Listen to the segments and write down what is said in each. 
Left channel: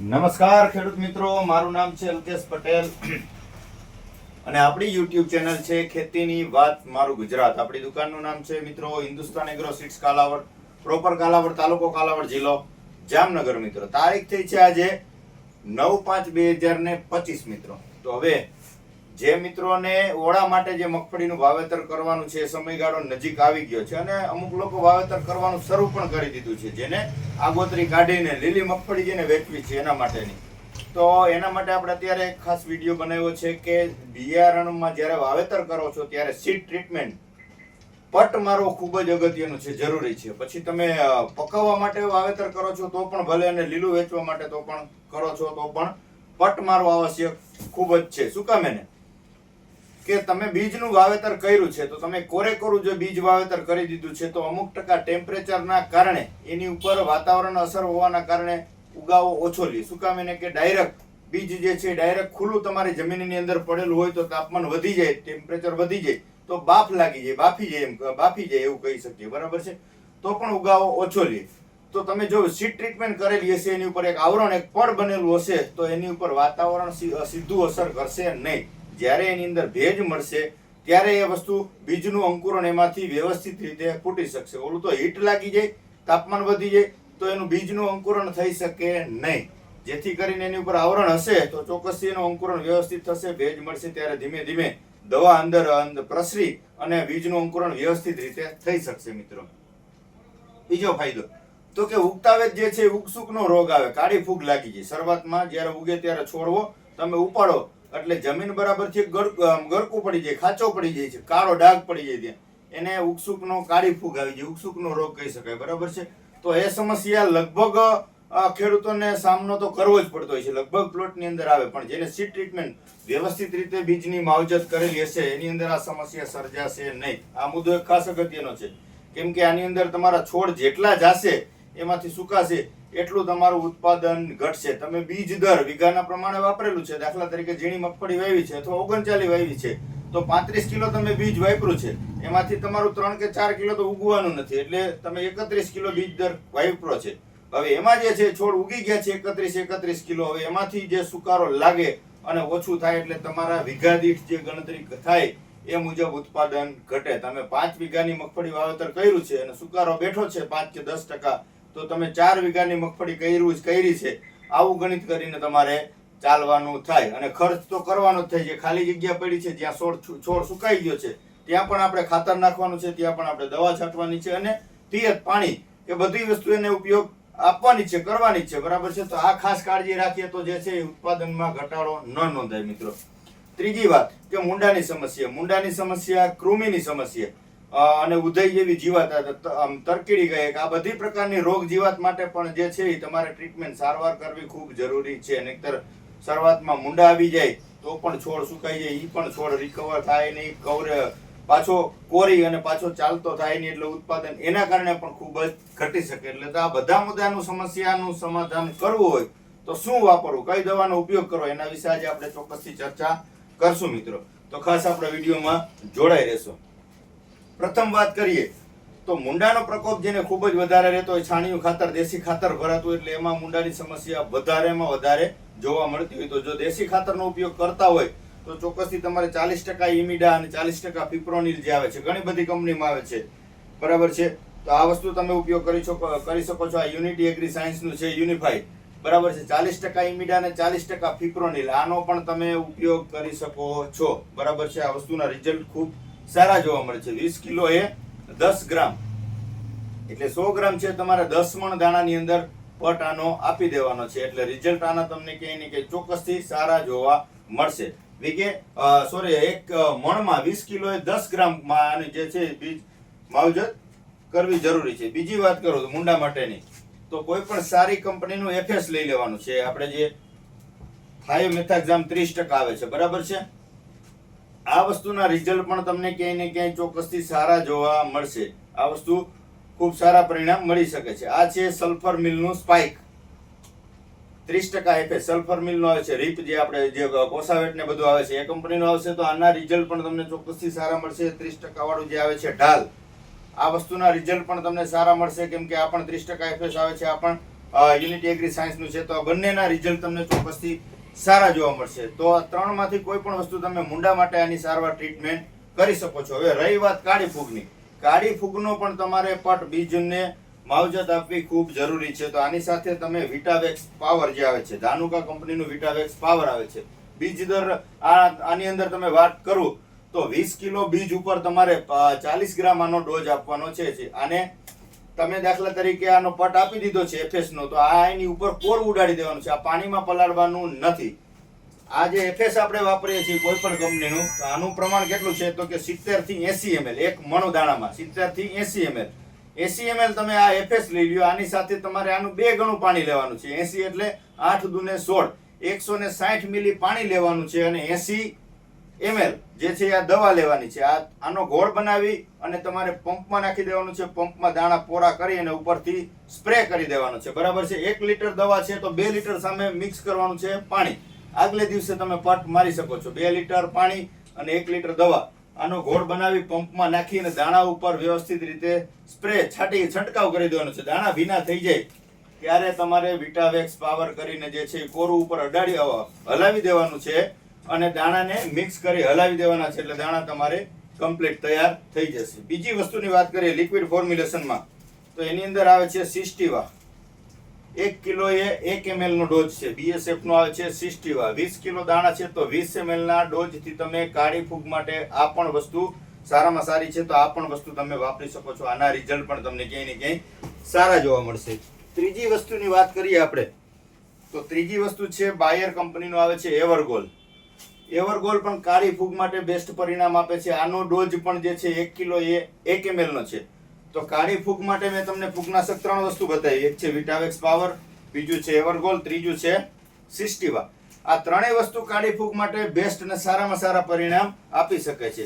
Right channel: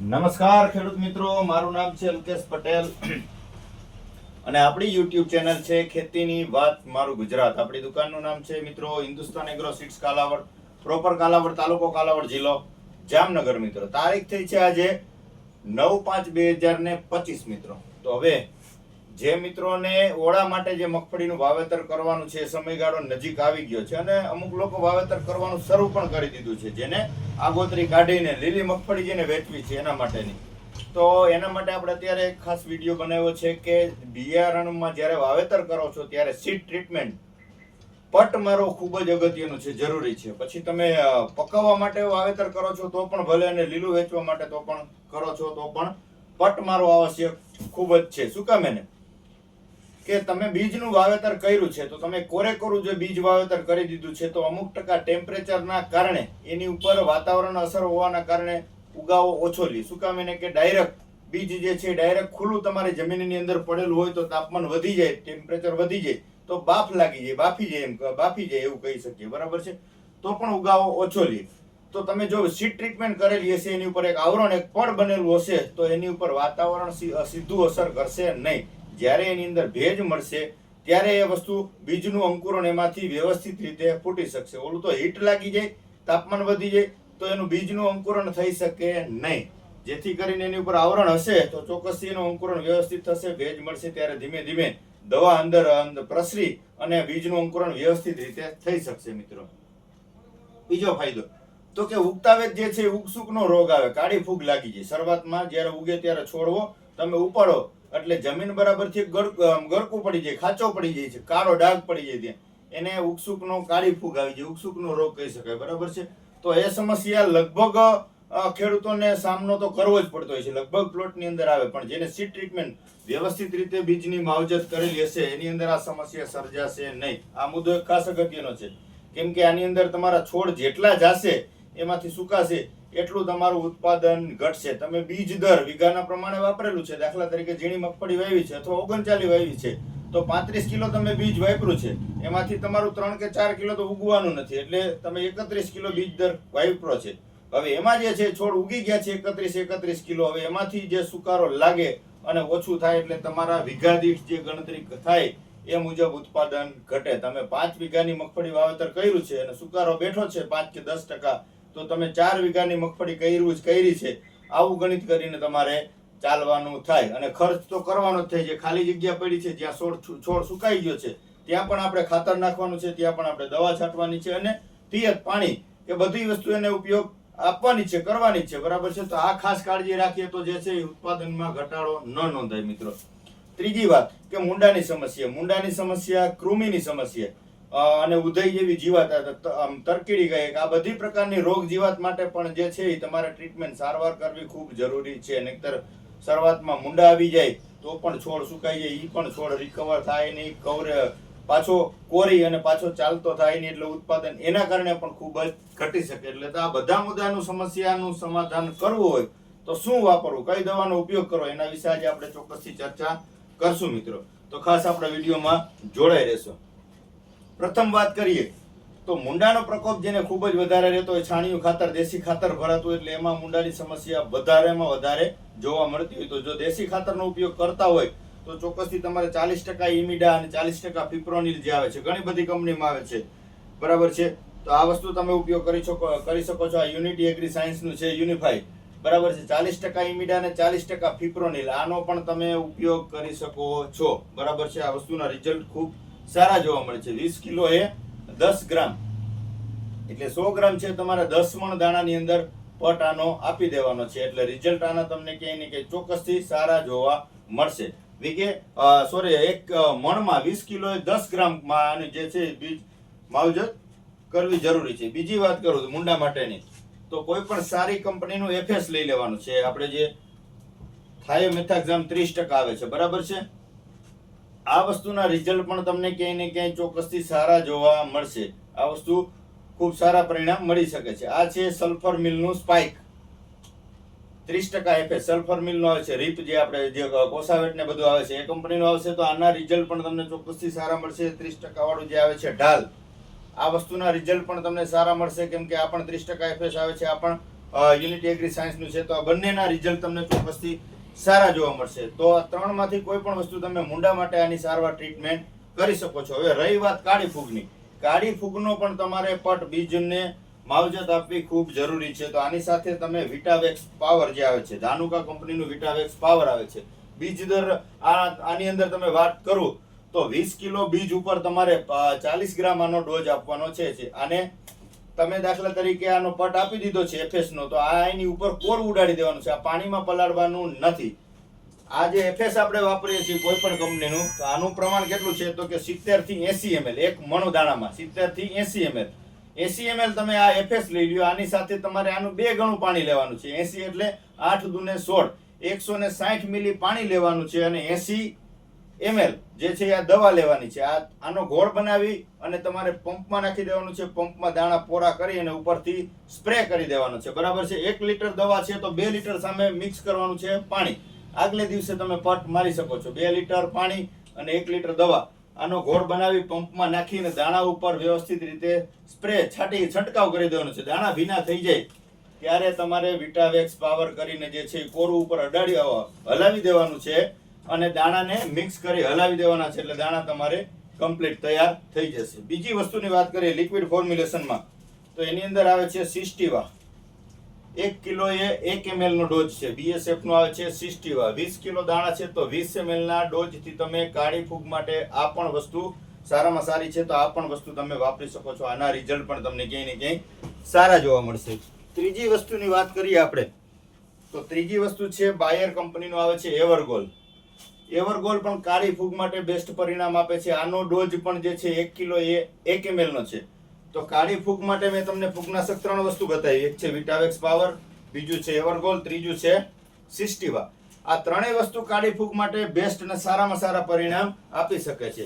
નમસ્કાર ખેડૂત મિત્રો, મારું નામ છે અલ્કેશ પટેલ અને આપણી YouTube ચેનલ છે ખેતીની વાત મારું ગુજરાત. આપણી દુકાનનું નામ છે મિત્રો Hindustan Agro Seeds Kalavad, proper Kalavad, તાલુકો કાલાવડ, જિલ્લો જામનગર. મિત્રો તારીખ થઈ છે આજે 9/5/2025 મિત્રો. તો હવે જે મિત્રોને ઓળા માટે જે મગફળીનું વાવેતર કરવાનું છે, સમયગાળો નજીક આવી ગયો છે અને અમુક લોકો વાવેતર કરવાનું શરૂ પણ કરી દીધું છે, જેને આગોતરી કાઢીને લીલી મગફળી જેને વેચવી છે એના માટેની. તો એના માટે આપણે અત્યારે એક ખાસ વિડીયો બનાવ્યો છે કે બિયારણમાં જ્યારે વાવેતર કરો છો ત્યારે સીડ ટ્રીટમેન્ટ પટ મારવો ખૂબ જ અગત્યનું છે, જરૂરી છે. પછી તમે પકવવા માટે વાવેતર કરો છો તો પણ ભલે, અને લીલું વેચવા માટે તો પણ કરો છો તો પણ પટ મારવો આવશ્યક ખૂબ જ છે. શું કામ એને કે તમે બીજનું વાવેતર કર્યું છે તો તમે કોરેકોરું જો બીજ વાવેતર કરી દીધું છે તો અમુક ટકા ટેમ્પરેચરના કારણે એની ઉપર વાતાવરણ અસર હોવાના કારણે ઉગાવો ઓછો લે. શું કામ એને કે ડાયરેક્ટ બીજ જે છે ડાયરેક્ટ ખુલ્લું તમારી જમીનની અંદર પડેલું હોય તો તાપમાન વધી જાય, ટેમ્પરેચર વધી જાય તો બાફ લાગી જાય, બાફી જાય એવું કહી શકીએ, બરાબર છે. તો પણ ઉગાવો ઓછો લે. તો તમે જો સીડ ટ્રીટમેન્ટ કરેલી હશે, એની ઉપર એક આવરણ, એક પડ બનેલું હશે તો એની ઉપર વાતાવરણ સીધું અસર કરશે નહીં. જ્યારે એની અંદર ભેજ મળશે ત્યારે એ વસ્તુ બીજનું અંકુરણ એમાંથી વ્યવસ્થિત રીતે ફૂટી શકશે. ઓલું તો હીટ લાગી જાય, તાપમાન વધી જાય તો એનું બીજનું અંકુરણ થઈ શકે નહીં. જેથી કરીને એની ઉપર આવરણ હશે તો ચોક્કસથી એનું અંકુરણ વ્યવસ્થિત થશે. ભેજ મળશે ત્યારે ધીમે ધીમે દવા અંદર પ્રસરી અને બીજનું અંકુરણ વ્યવસ્થિત રીતે થઈ શકશે. મિત્રો બીજો ફાયદો તો કે ઉગતા વેત જે છે ઉગસુકનો રોગ આવે, કાળી ફૂગ લાગી જાય. શરૂઆતમાં જ્યારે ઉગે ત્યારે છોડવો તમે ઉપાડો એટલે જમીન બરાબરથી ગરકું પડી જાય, ખાચો પડી જાય છે, કાળો ડાઘ પડી જાય, ત્યાં એને ઉગસુકનો કાળી ફૂગ આવી જાય, ઉગસુકનો રોગ કહી શકાય, બરાબર છે. તો એ સમસ્યા લગભગ ખેડૂતોને સામનો તો કરવો જ પડતો હોય છે, લગભગ પ્લોટની અંદર આવે. પણ જેને સીડ ટ્રીટમેન્ટ વ્યવસ્થિત રીતે બીજની માવજત કરેલી હશે એની અંદર આ સમસ્યા સર્જાશે નહીં. આ મુદ્દો એક ખાસ અગત્યનો છે, કેમ કે આની અંદર તમારા છોડ જેટલા જાશે એમાંથી સુકાશે એટલું તમારું ઉત્પાદન ઘટશે. તમે બીજ દર વીઘાના પ્રમાણે વાપરેલું છે, દાખલા તરીકે ઝીણી મગફળી વાવી છે અથવા 39 વાવી છે તો 35 કિલો તમે બીજ વાપર્યું છે, એમાંથી તમારું 3 કે 4 કિલો તો ઉગવાનું નથી, એટલે તમે 31 કિલો બીજ દર વાપરો છે. હવે એમાં જે છે છોડ ઉગી ગયા છે 31 કિલો, હવે એમાંથી જે સુકારો લાગે અને ઓછું થાય એટલે તમારા વીઘા દીઠ જે ગણતરી થાય એ મુજબ ઉત્પાદન ઘટે. તમે 5 વીઘાની મગફળી વાવેતર કર્યું છે અને સુકારો બેઠો છે 5 કે 10%, તો તમે 4 વીઘાની મગફળી કરી છે આવું ગણિત કરીને તમારે ચાલવાનું થાય. અને ખર્ચ તો કરવાનો જ થાય છે. ખાલી જગ્યા પડી છે જ્યાં છોડ સુકાઈ ગયો છે ત્યાં પણ આપણે ખાતર નાખવાનું છે, ત્યાં પણ આપણે દવા છાંટવાની છે અને પિયત પાણી કે બધી વસ્તુ એને ઉપયોગ આપવાની છે, કરવાની છે, બરાબર છે. તો આ ખાસ કાળજી રાખીએ તો જે છે ઉત્પાદનમાં ઘટાડો ન નોંધાય. મિત્રો ત્રીજી વાત કે મુંડાની સમસ્યા, કૃમિની સમસ્યા અને ઉધઈ જેવી જીવાત, તરકીડી કહે કે આ બધી પ્રકારની રોગ જીવાત માટે પણ જે છે એ તમારે ટ્રીટમેન્ટ સારવાર કરવી ખૂબ જરૂરી છે. નહીતર શરૂઆતમાં મુંડા આવી જાય તો પણ છોડ સુકાઈ જાય, એ પણ છોડ રિકવર થાય નહીં, પાછો કોરી અને પાછો ચાલતો થાય નહીં, એટલે ઉત્પાદન એના કારણે પણ ખૂબ જ ઘટી શકે. એટલે આ બધા મુદ્દાનું સમસ્યાનું સમાધાન કરવું હોય તો શું વાપરવું, કઈ દવાનો ઉપયોગ કરવો, એના વિશે આજે આપણે ચોક્કસથી ચર્ચા કરશું. મિત્રો તો ખાસ આપણે વિડીયોમાં જોડાઈ રહેશો. પ્રથમ વાત કરીએ તો મુંડાનો પ્રકોપ જેને ખૂબ જ વધારે રહેતો હોય, છાણિયું ખાતર, દેશી ખાતર ભરાતું હોય એટલે એમાં મુંડાની સમસ્યા વધારેમાં વધારે જોવા મળતી હોય. તો જો દેશી ખાતરનો ઉપયોગ કરતા હોય તો ચોક્કસથી તમારે 40% ઇમિડા અને 40% ફિપ્રોનિલ જે આવે છે, ઘણી બધી કંપનીમાં આવે છે, બરાબર છે. તો આ વસ્તુ તમે ઉપયોગ કરી શકો છો. આ યુનિટી એગ્રી સાયન્સનું છે, યુનિફાઈડ, બરાબર છે. 40% ઇમિડા અને 40% ફિપ્રોનિલ, આનો પણ તમે ઉપયોગ કરી શકો છો, બરાબર છે. આ વસ્તુના રિઝલ્ટ ખૂબ સારા જોવા મળે છે. 20 કિલો એ 10 ગ્રામ એટલે 100 ગ્રામ છે તમારે 10 મણ દાણાની અંદર પટ આનો આપી દેવાનો છે, એટલે રિઝલ્ટ આના તમને ક્યાંય ને ક્યાંય ચોક્કસથી સારા જોવા મળશે. એક મણમાં 20 કિલો એ 10 ગ્રામમાં આની જે છે બીજ માવજત કરવી જરૂરી છે. બીજી વાત કરું તો મુંડા માટેની, તો કોઈ પણ સારી કંપનીનું એફએસ લઈ લેવાનું છે. આપણે જે થાયોમેથાક્ઝામ 30% આવે છે, બરાબર છે. આ વસ્તુના રિઝલ્ટ પણ તમને ક્યાંય ને ક્યાંય ચોક્કસથી સારા જોવા મળશે. આ વસ્તુ ખૂબ સારા પરિણામ મળી શકે છે. આ છે સલ્ફર મિલનું સ્પાઇક, 30% એફએસ સલ્ફર મિલનો આવે છે. રીપ જે આપણે જે કોસાવેટ ને બધું આવે છે એ કંપનીનો આવશે, તો આના રિઝલ્ટ પણ તમને ચોક્કસથી સારા મળશે. 30% વાળું જે આવે છે ઢાલ, આ વસ્તુના રિઝલ્ટ પણ તમને સારા મળશે, કેમ કે આ પણ 30% એફએસ આવે છે, આ પણ યુનિટી એગ્રી સાયન્સનું છે. તો આ બંનેના રિઝલ્ટ તમને ચોક્કસથી સારા જોવા મળશે. તો આ ત્રણમાંથી કોઈ પણ વસ્તુ તમે મુંડા માટે આની સારવાર ટ્રીટમેન્ટ કરી શકો છો. હવે રહી વાત કાળી ફૂગની, કાળી ફૂગનો પણ તમારે પટ બીજને માવજત આપવી ખૂબ જરૂરી છે. તો આની સાથે તમે વિટાવેક્સ પાવર જે આવે છે, ધાનુકા કંપનીનું વિટાવેક્સ પાવર આવે છે. બીજ દર આની અંદર તમે વાત કરું તો 20 કિલો બીજ ઉપર તમારે 40 ગ્રામ આનો ડોઝ આપવાનો છે. આને તમે દાખલા તરીકે આનો પટ આપી દીધો છે એફએસ નો, તો આ એની ઉપર કોર ઉડાડી દેવાનું છે. આ પાણીમાં પલાળવાનું નથી. આ જે એફએસ આપણે વાપરીએ છીએ કોઈ પણ કંપનીનું, તો આનું પ્રમાણ કેટલું છે તો કે 70 થી 80 ml એક મણ દાણામાં 70 થી 80 ml 80 ml તમે આ એફએસ લઈ લ્યો. આની સાથે તમારે આનું 2 ગણું પાણી લેવાનું છે. 80 એટલે 8 દુને 16, 160 મિલી પાણી લેવાનું છે અને 80 ml જે છે આ દવા લેવાની છે. આનો ઘોળ બનાવી અને તમારે પંપમાં નાખી દેવાનું છે. પંપમાં દાણા પોરા કરી અને ઉપરથી સ્પ્રે કરી દેવાનું છે. બરાબર છે. 1 લીટર દવા છે તો 2 લીટર સામે મિક્સ કરવાનું છે પાણી. આગલે દિવસે તમે પટ મારી શકો છો. 2 લીટર પાણી અને 1 લીટર દવા આનો ઘોળ બનાવી પંપમાં નાખીને દાણા ઉપર વ્યવસ્થિત રીતે સ્પ્રે છંટકાવ કરી દેવાનો છે. દાણા ભીના થઈ જાય ત્યારે તમારે વિટાવેક્સ પાવર કરીને જે છે કોરું ઉપર અડાડી હલાવી દેવાનું છે અને દાણાને મિક્સ કરી હલાવી દેવાના છે. એટલે દાણા તમારે કમ્પ્લીટ તૈયાર થઈ જશે. બીજી વસ્તુની વાત કરીએ લિક્વિડ ફોર્મ્યુલેશનમાં, તો એની અંદર આવે છે સિસ્ટીવા. 1 કિલો એ 1 ml નો ડોઝ છે. BSF નો આવે છે સિસ્ટીવા. 20 કિલો દાણા છે તો 20 ml ના ડોઝ થી તમે કાળી ફૂગ માટે આ પણ વસ્તુ સારામાં સારી છે. તો આ પણ વસ્તુ તમે વાપરી શકો છો. આના રિઝલ્ટ પણ તમને ક્યાંય ને ક્યાંય સારા જોવા મળશે. ત્રીજી વસ્તુની વાત કરીએ આપણે, તો ત્રીજી વસ્તુ છે બાયર કંપનીનો આવે છે એવરગોલ. એવરગોલ પણ કાળી ફૂગ માટે બેસ્ટ પરિણામ આપે છે. આનો ડોઝ પણ જે છે 1 કિલો એ 1 ml નો છે. તો કાળી ફૂગ માટે મેં તમને ફૂગનાશક 3 વસ્તુ બતાવી. એક છે વિટાવેક્સ પાવર, બીજું છે એવરગોલ, ત્રીજું છે સિસ્ટીવા. આ ત્રણેય વસ્તુ કાળી ફૂગ માટે બેસ્ટ અને સારામાં સારા પરિણામ આપી શકે છે.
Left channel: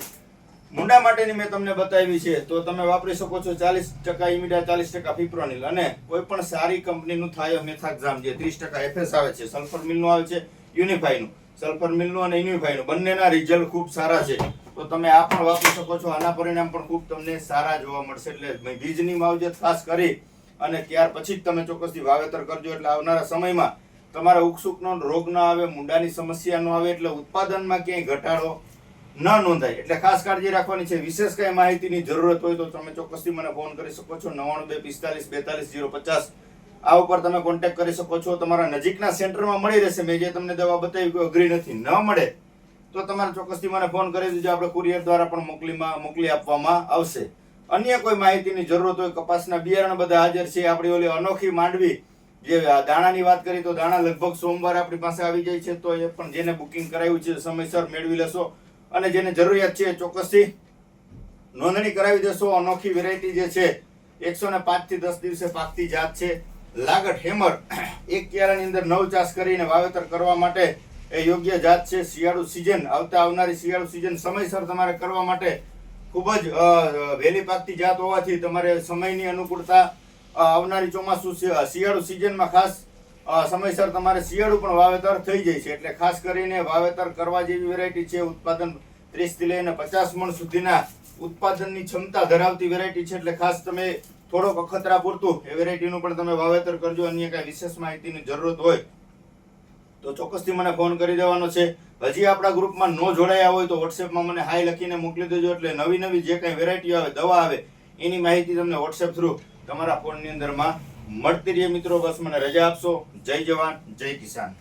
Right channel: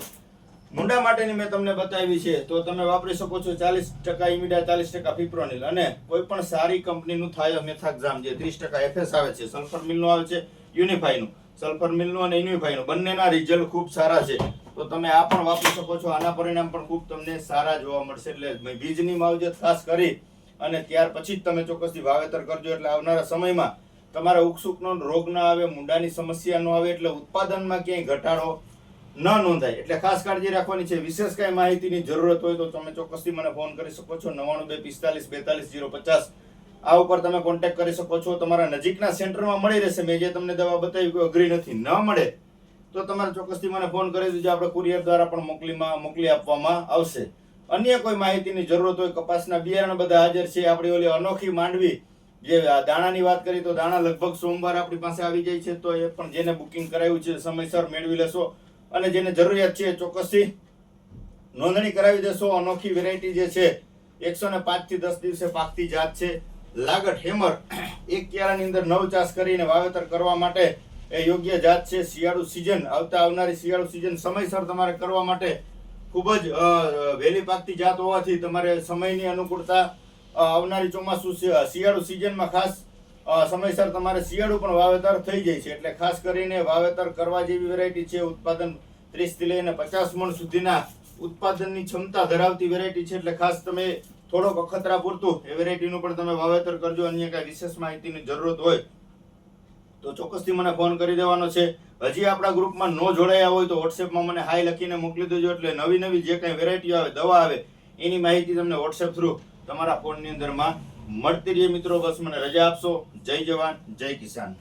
મુંડા માટેની મેં તમને બતાવી છે તો તમે વાપરી શકો છો 40% ઇમિડા, 40% ફિપ્રોનિલ અને કોઈ પણ સારી કંપનીનું થાયોમેથાક્ઝામ જે 30% એફએસ આવે છે, સલ્ફર મિલનું આવે છે, યુનિફાઈનું, સલ્ફર મિલનું અને યુનિફાઈનું બંનેના રિઝલ્ટ ખૂબ સારા છે. તો તમે આ પણ વાપરી શકો છો. આના પરિણામ પણ ખૂબ તમને સારા જોવા મળશે. એટલે બીજની માવજત ખાસ કરી અને ત્યાર પછી જ તમે ચોક્કસથી વાવેતર કરજો. એટલે આવનારા સમયમાં તમારા ઉકસુકનો રોગ ના આવે, મુંડાની સમસ્યા ન આવે, એટલે ઉત્પાદનમાં ક્યાંય ઘટાડો ન નોંધાય. એટલે ખાસ કાળજી રાખવાની છે. વિશેષ કઈ માહિતીની જરૂરત હોય તો તમે ચોક્કસથી મને ફોન કરી શકો છો. 9245424050 આ ઉપર તમે કોન્ટેક્ટ કરી શકો છો. તમારા નજીકના સેન્ટરમાં મળી રહેશે. મેં જે તમને દવા બતાવી કોઈ અઘરી નથી. ન મળે તો તમારે ચોક્કસથી મને ફોન કરી દેજો. આપણે કુરિયર દ્વારા પણ મોકલી આપવામાં આવશે. અન્ય કોઈ માહિતીની જરૂરત હોય, કપાસના બિયારણ બધા હાજર છે. આપણી ઓલી અનોખી માંડવી જે દાણાની વાત કરી તો દાણા લગભગ સોમવારે આપણી પાસે આવી જાય છે. તો એ પણ જેને બુકિંગ કરાવ્યું છે સમયસર મેળવી લેશો અને જેને જરૂરિયાત છે ચોક્કસથી નોંધણી કરાવી દેશો. અનોખી વેરાયટી જે છે 105 થી 10 દિવસે પાકતી જાત છે. લાગટ હેમર એક ક્યારાની અંદર 9 ચાસ કરીને વાવેતર કરવા માટે એ યોગ્ય જાત છે. શિયાળુ સિઝન આવનારી શિયાળુ સિઝન સમયસર તમારે કરવા માટે ખૂબ જ વહેલી પાકતી જાત હોવાથી તમારે સમયની અનુકૂળતા આવનારી ચોમાસું શિયાળુ સિઝનમાં ખાસ સમયસર તમારે શિયાળુ પણ વાવેતર થઈ જાય છે. એટલે ખાસ કરીને વાવેતર કરવા જેવી વેરાયટી છે. ઉત્પાદન 30 થી લઈને 50 મણ સુધીના ઉત્પાદનની ક્ષમતા ધરાવતી વેરાયટી છે. એટલે ખાસ તમે થોડોક અખતરા પૂરતું એ વેરાયટીનું પણ તમે વાવેતર કરજો. અન્ય કાંઈ વિશેષ માહિતીની જરૂરત હોય તો ચોક્કસથી મને ફોન કરી દેવાનો છે. હજી આપણા ગ્રુપમાં ન જોડાયા હોય તો વોટ્સએપમાં મને હાઈ લખીને મોકલી દેજો. એટલે નવી જે કાંઈ વેરાયટી આવે, દવા આવે, એની માહિતી તમને વોટ્સએપ થ્રુ તમારા ફોનની અંદરમાં મળતી રહે. મિત્રો બસ મને રજા આપશો. જય જવાન, જય કિસાન.